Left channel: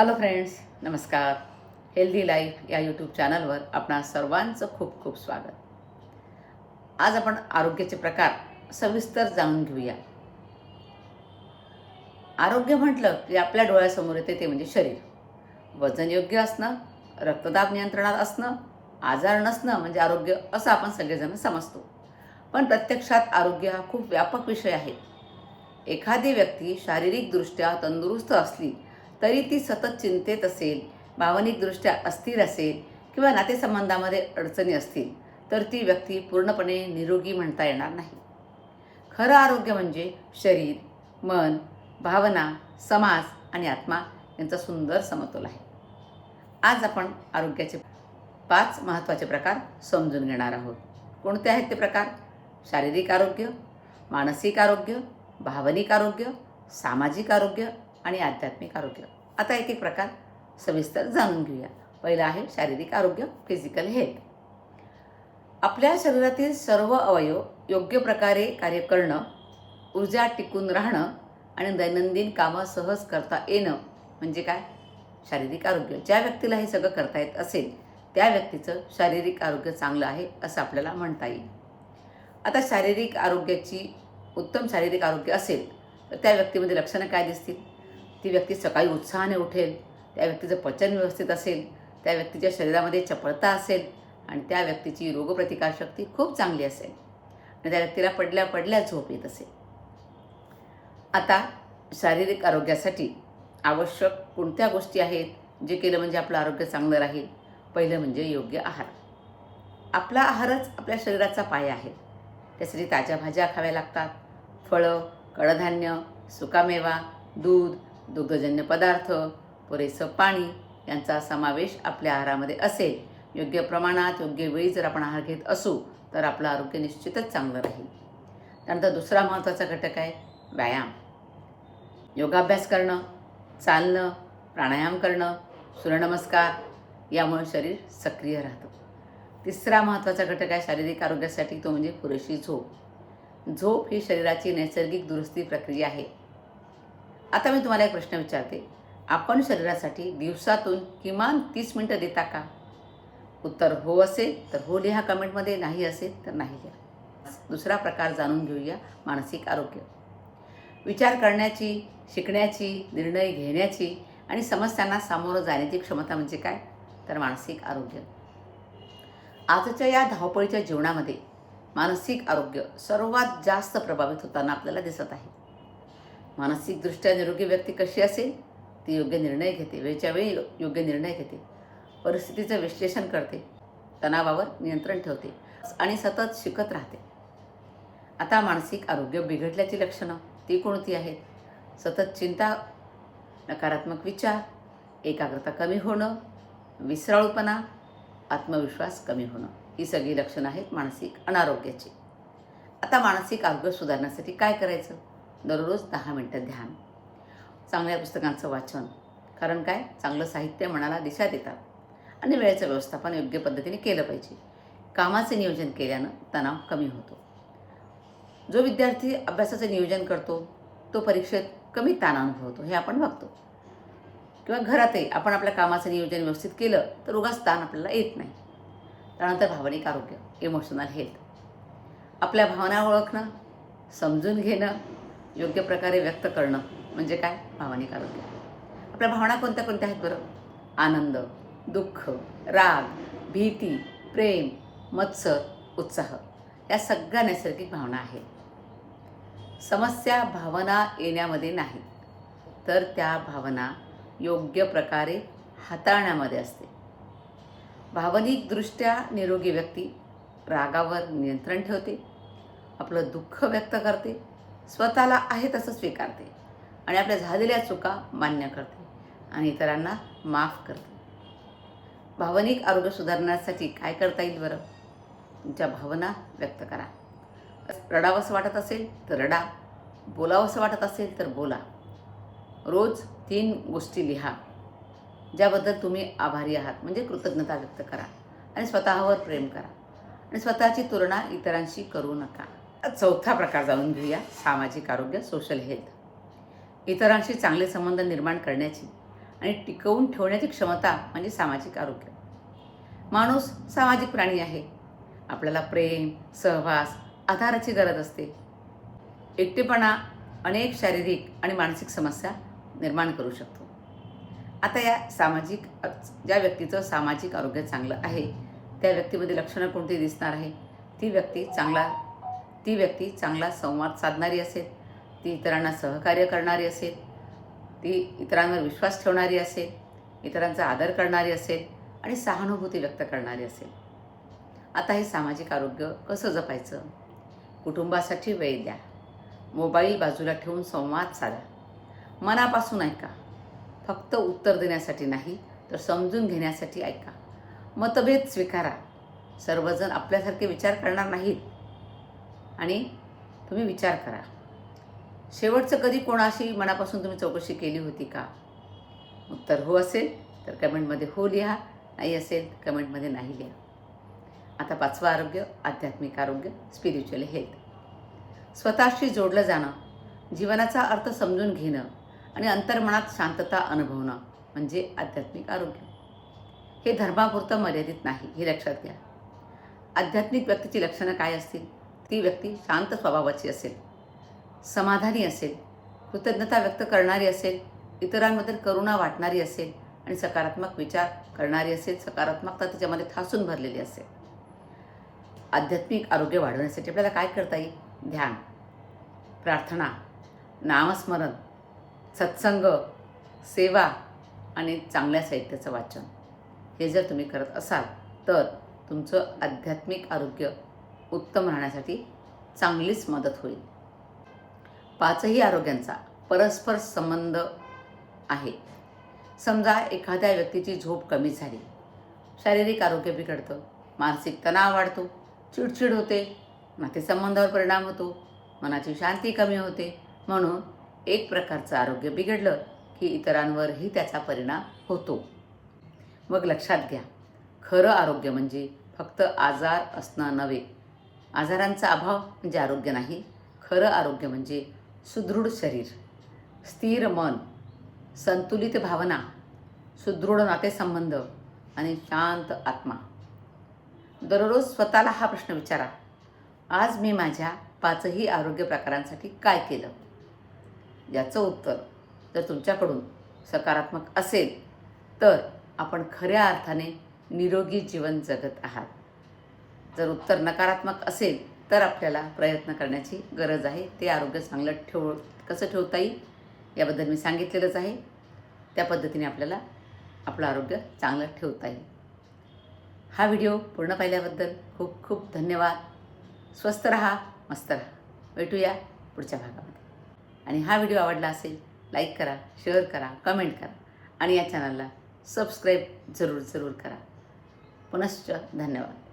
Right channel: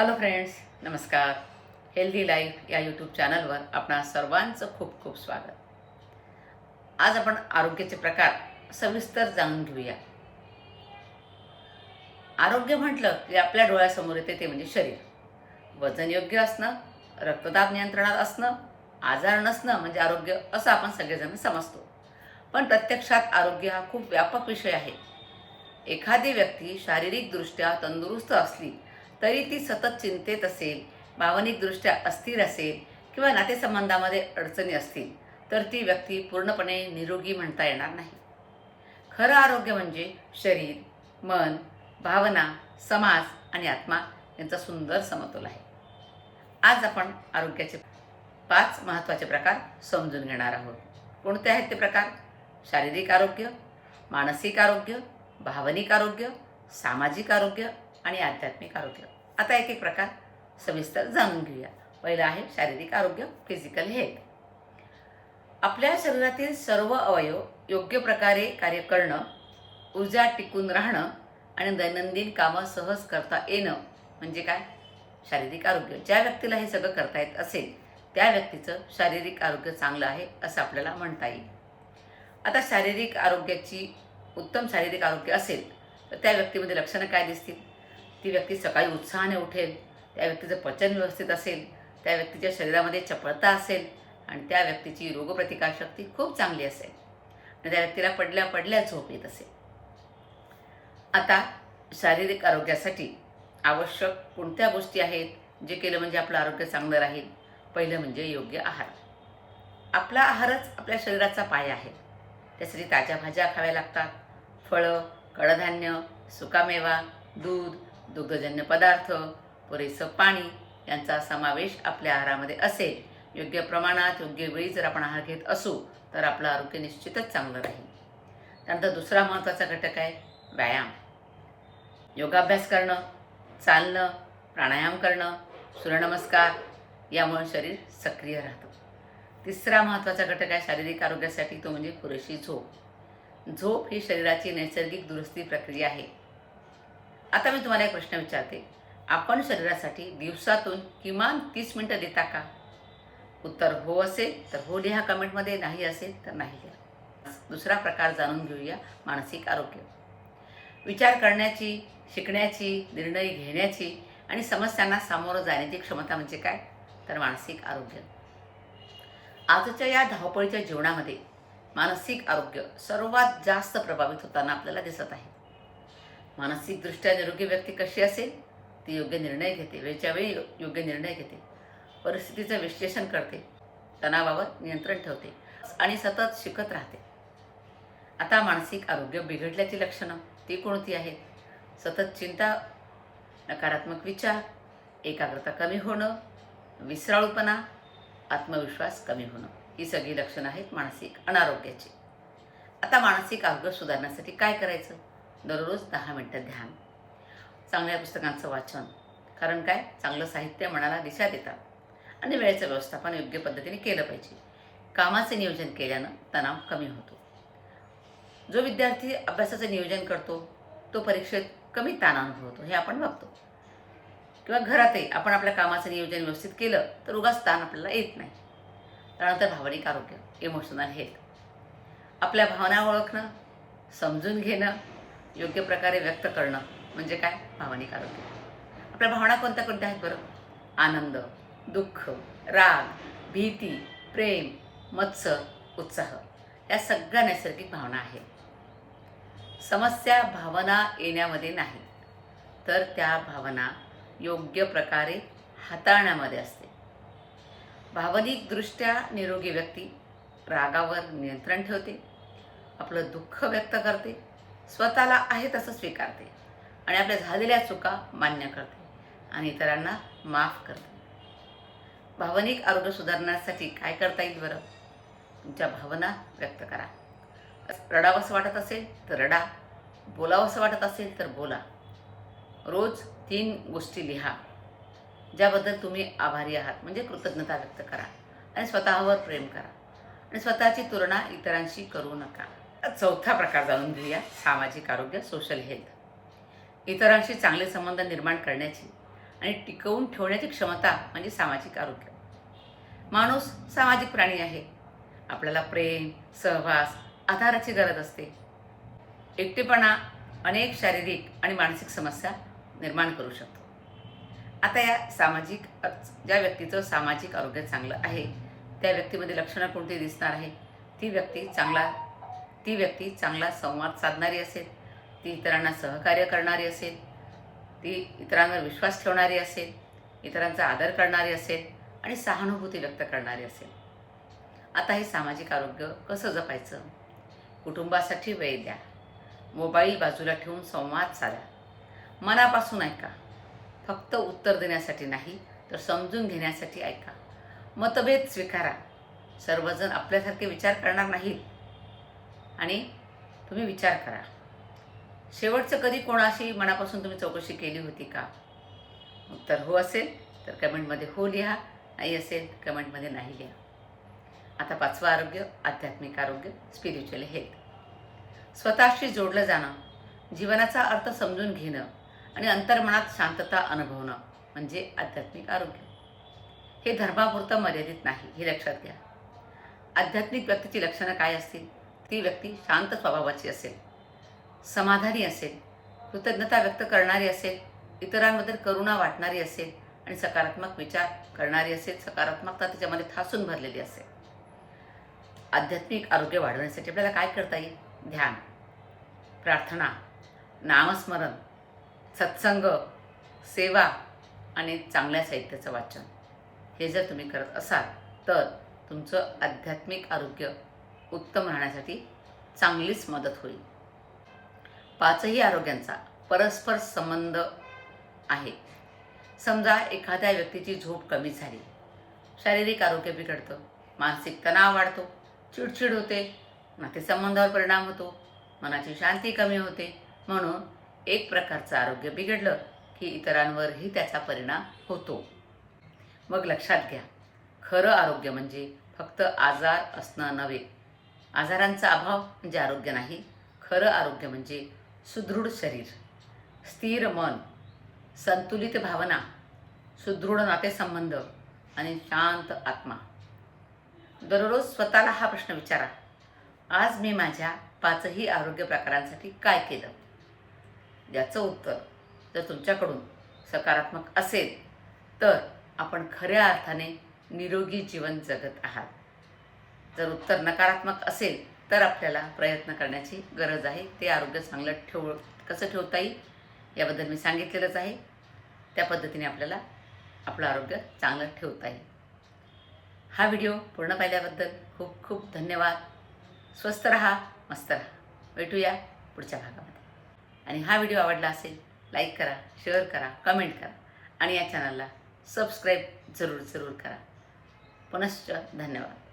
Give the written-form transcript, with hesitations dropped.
Hello friends, नमस्कार. Healthy life या YouTube चॅनलवर आपणा सर्वांचं खूप खूप स्वागत. आज आपण आरोग्याचे प्रकार सविस्तर जाणून घेऊया. आरोग्य म्हटलं की आपल्या डोळ्यासमोर येते ते म्हणजे शरीर. वजन योग्य असणं, रक्तदाब नियंत्रणात असणं, आजार नसणं म्हणजे आरोग्य असं आपण सगळेजण समजतो. पण प्रत्यक्षात आरोग्य हा खूप व्यापक विषय आहे. एखादी व्यक्ती शारीरिकदृष्ट्या तंदुरुस्त असली तरी ती सतत चिंतेत असेल, भावनिकदृष्ट्या अस्थिर असेल किंवा नातेसंबंधामध्ये अडचणी असतील तर ती व्यक्ती पूर्णपणे निरोगी म्हणता येणार नाही. खरं आरोग्य म्हणजे शरीर, मन, भावना, समाज आणि आत्मा यांचा सुंदर समतोल आहे. आज आपण आरोग्याचे 5 महत्त्वाचे प्रकार समजून घेणार आहोत. कोणते आहेत ते प्रकार? शारीरिक आरोग्य, मानसिक आरोग्य, भावनिक आरोग्य, सामाजिक आरोग्य आणि आध्यात्मिक आरोग्य. आता एक एक प्रकार सविस्तर जाणून घेऊया. पहिलं आहे शारीरिक आरोग्य, फिजिकल हेल्थ. आपल्या शरीरातील सर्व अवयव योग्य प्रकारे कार्य करणं, ऊर्जा टिकून राहणं आणि दैनंदिन कामं सहज करता येणं म्हणजे काय? शारीरिक आरोग्य. ज्या व्यक्तीला हे सगळं करता येत असेल त्या व्यक्तीचं शारीरिक आरोग्य चांगलं आहे असं आपल्याला म्हणता येईल. आता उत्तम शारीरिक आरोग्य असेल तर त्या व्यक्तीमध्ये लक्षणं काय दिसतील? ती व्यक्ती सकाळी उत्साहाने उठेल, त्या व्यक्तीचं पचन व्यवस्थित असेल, त्या व्यक्तीच्या शरीरामध्ये चपळता असेल आणि त्या व्यक्तीची रोगप्रतिकारशक्ती खूप चांगली असेल आणि त्या व्यक्तीला पडल्या पडल्या झोप येत असेल. आता शारीरिक आरोग्यासाठी आवश्यक कोणत्या गोष्टी आहेत जे केलं म्हणजे आपलं आरोग्य चांगलं राहील? पहिलं म्हणजे योग्य आहार. आपला आहारच आपल्या शरीराचा पाया आहे. त्यासाठी ताज्या भाज्या खाव्या लागतात. फळं, कडधान्य, सुकामेवा, दूध, दुग्धजन्य पदार्थ, पुरेसं पाणी यांचा समावेश आपल्या आहारामध्ये असेल. योग्य प्रमाणात योग्य वेळी जर आपण आहार घेत असू तर आपलं आरोग्य निश्चितच चांगलं राहील. त्यानंतर दुसरा महत्त्वाचा घटक आहे व्यायाम. योगाभ्यास करणं, चालणं, प्राणायाम करणं, सूर्यनमस्कार यामुळे शरीर सक्रिय राहतं. तिसरा महत्त्वाचा घटक आहे शारीरिक आरोग्यासाठी तो म्हणजे पुरेशी झोप. झोप ही शरीराची नैसर्गिक दुरुस्ती प्रक्रिया आहे. आता मी तुम्हाला एक प्रश्न विचारते. आपण शरीरासाठी दिवसातून किमान 30 मिनिटं देता का? उत्तर हो असेल तर हो लिहा कमेंटमध्ये, नाही असेल तर नाही लिहा. दुसरा प्रकार जाणून घेऊया, मानसिक आरोग्य. विचार करण्याची, शिकण्याची, निर्णय घेण्याची आणि समस्यांना सामोरं जाण्याची क्षमता म्हणजे काय? तर मानसिक आरोग्य. आजच्या या धावपळीच्या जीवनामध्ये मानसिक आरोग्य सर्वात जास्त प्रभावित होताना आपल्याला दिसत आहे. मानसिकदृष्ट्या निरोगी व्यक्ती कशी असेल? ती योग्य निर्णय घेते, वेळच्या वेळी योग्य निर्णय घेते, परिस्थितीचं विश्लेषण करते, तणावावर नियंत्रण ठेवते आणि सतत शिकत राहते. आता मानसिक आरोग्य बिघडल्याची लक्षणं ती कोणती आहेत? सतत चिंता, नकारात्मक विचार, एकाग्रता कमी होणं, विसराळूपणा, आत्मविश्वास कमी होणं ही सगळी लक्षणं आहेत मानसिक अनारोग्याची. आता मानसिक आरोग्य सुधारण्यासाठी काय करायचं? दररोज 10 मिनिटं ध्यान, चांगल्या पुस्तकांचं वाचन, कारण काय, चांगलं साहित्य मनाला दिशा देतात आणि वेळेचं व्यवस्थापन योग्य पद्धतीने केलं पाहिजे. कामाचे नियोजन केल्यानं तणाव कमी होतो. जो विद्यार्थी अभ्यासाचं नियोजन करतो तो परीक्षेत कमी ताण अनुभवतो, हे आपण बघतो. किंवा घरातही आपण आपल्या कामाचं नियोजन व्यवस्थित केलं तर उगाच ताण आपल्याला येत नाही. त्यानंतर भावनिक आरोग्य, इमोशनल हेल्थ. आपल्या भावना ओळखणं, समजून घेणं, योग्य प्रकारे व्यक्त करणं म्हणजे काय? भावनिक आरोग्य. आपल्या भावना कोणत्या कोणत्या आहेत बरं? आनंद, दुःख, राग, भीती, प्रेम, मत्सर, उत्साह या सगळ्या नैसर्गिक भावना आहेत. समस्या भावना येण्यामध्ये नाही तर त्या भावना योग्य प्रकारे हाताळण्यामध्ये असते. भावनिकदृष्ट्या निरोगी व्यक्ती रागावर नियंत्रण ठेवते, आपलं दुःख व्यक्त करते, स्वतःला आहे तसं स्वीकारते आणि आपल्या झालेल्या चुका मान्य करते आणि इतरांना माफ करते. भावनिक आरोग्य सुधारण्यासाठी काय करता येईल बरं? तुमच्या भावना व्यक्त करा. रडावंसं वाटत असेल तर रडा, बोलावंसं वाटत असेल तर बोला. रोज 3 गोष्टी लिहा ज्याबद्दल तुम्ही आभारी आहात, म्हणजे कृतज्ञता व्यक्त करा आणि स्वतःवर प्रेम करा आणि स्वतःची तुलना इतरांशी करू नका. चौथा प्रकार जाणून घेऊया, सामाजिक आरोग्य, सोशल हेल्थ. इतरांशी चांगले संबंध निर्माण करण्याची आणि टिकवून ठेवण्याची क्षमता म्हणजे सामाजिक आरोग्य. माणूस सामाजिक प्राणी आहे. आपल्याला प्रेम, सहवास, आधाराची गरज असते. एकटेपणा अनेक शारीरिक आणि मानसिक समस्या निर्माण करू शकतो. आता या ज्या व्यक्तीचं सामाजिक आरोग्य चांगलं आहे, त्या व्यक्तीमध्ये लक्षणं कोणती दिसणार आहे? ती व्यक्ती चांगला संवाद साधणारी असेल, ती इतरांना सहकार्य करणारी असेल, ती इतरांवर विश्वास ठेवणारी असेल, इतरांचा आदर करणारी असेल आणि सहानुभूती व्यक्त करणारी असेल. आता हे सामाजिक आरोग्य कसं जपायचं? कुटुंबासाठी वेळ द्या. मोबाईल बाजूला ठेवून संवाद साधा. मनापासून ऐका. फक्त उत्तर देण्यासाठी नाही, तर समजून घेण्यासाठी ऐका. मतभेद स्वीकारा. सर्वजण आपल्यासारखे विचार करणार नाहीत आणि तुम्ही विचार करा. शेवटचं कधी कोणाशी मनापासून तुम्ही चौकशी केली होती का? उत्तर हो असेल तर कमेंटमध्ये हो लिहा, नाही असेल कमेंटमध्ये नाही लिहा. आता 5वं आरोग्य, आध्यात्मिक आरोग्य, स्पिरिच्युअल हेल्थ. स्वतःशी जोडलं जाणं, जीवनाचा अर्थ समजून घेणं आणि अंतर्मनात शांतता अनुभवणं म्हणजे आध्यात्मिक आरोग्य. हे धर्मापुरतं मर्यादित नाही, हे लक्षात घ्या. आध्यात्मिक व्यक्तीची लक्षणं काय असतील? ती व्यक्ती शांत स्वभावाची असेल, समाधानी असेल, कृतज्ञता व्यक्त करणारी असेल, इतरांबद्दल करुणा वाटणारी असेल आणि सकारात्मक विचार करणारी असेल, सकारात्मकता त्याच्यामध्ये ठासून भरलेली असेल. आध्यात्मिक आरोग्य वाढवण्यासाठी आपल्याला काय करता येईल? ध्यान, प्रार्थना, नामस्मरण, सत्संग, सेवा आणि चांगल्या साहित्याचं वाचन हे जर तुम्ही करत असाल तर तुमचं आध्यात्मिक आरोग्य उत्तम राहण्यासाठी चांगलीच मदत होईल. 5ही आरोग्यांचा परस्पर संबंध आहे. समजा एखाद्या व्यक्तीची झोप कमी झाली, शारीरिक आरोग्य बिघडतं, मानसिक तणाव वाढतो, चिडचिड होते, नातेसंबंधावर परिणाम होतो, मनाची शांती कमी होते. म्हणून एक प्रकारचं आरोग्य बिघडलं की इतरांवरही त्याचा परिणाम होतो. मग लक्षात घ्या, खरं आरोग्य म्हणजे फक्त आजार असणं नव्हे. आजारांचा अभाव म्हणजे आरोग्य नाही. खरं आरोग्य म्हणजे सुदृढ शरीर, स्थिर मन, संतुलित भावना, सुदृढ नातेसंबंध आणि शांत आत्मा. दररोज स्वतःला हा प्रश्न विचारा, आज मी माझ्या 5ही आरोग्य प्रकारांसाठी काय केलं? याचं उत्तर जर तुमच्याकडून सकारात्मक असेल तर आपण खऱ्या अर्थाने निरोगी जीवन जगत आहात. जर उत्तर नकारात्मक असेल तर आपल्याला प्रयत्न करण्याची गरज आहे. ते आरोग्य चांगलं कसं ठेवता येईल याबद्दल मी सांगितलेलंच आहे. त्या पद्धतीने आपल्याला आपलं आरोग्य चांगलं ठेवता येईल. हा व्हिडिओ पूर्ण पाहिल्याबद्दल खूप खूप धन्यवाद. स्वस्थ रहा, मस्त रहा. भेटूया पुढच्या भागामध्ये. आणि हा व्हिडिओ आवडला असेल लाईक करा, शेअर करा, कमेंट करा आणि या चॅनलला सबस्क्राईब जरूर करा. पुनश्च धन्यवाद.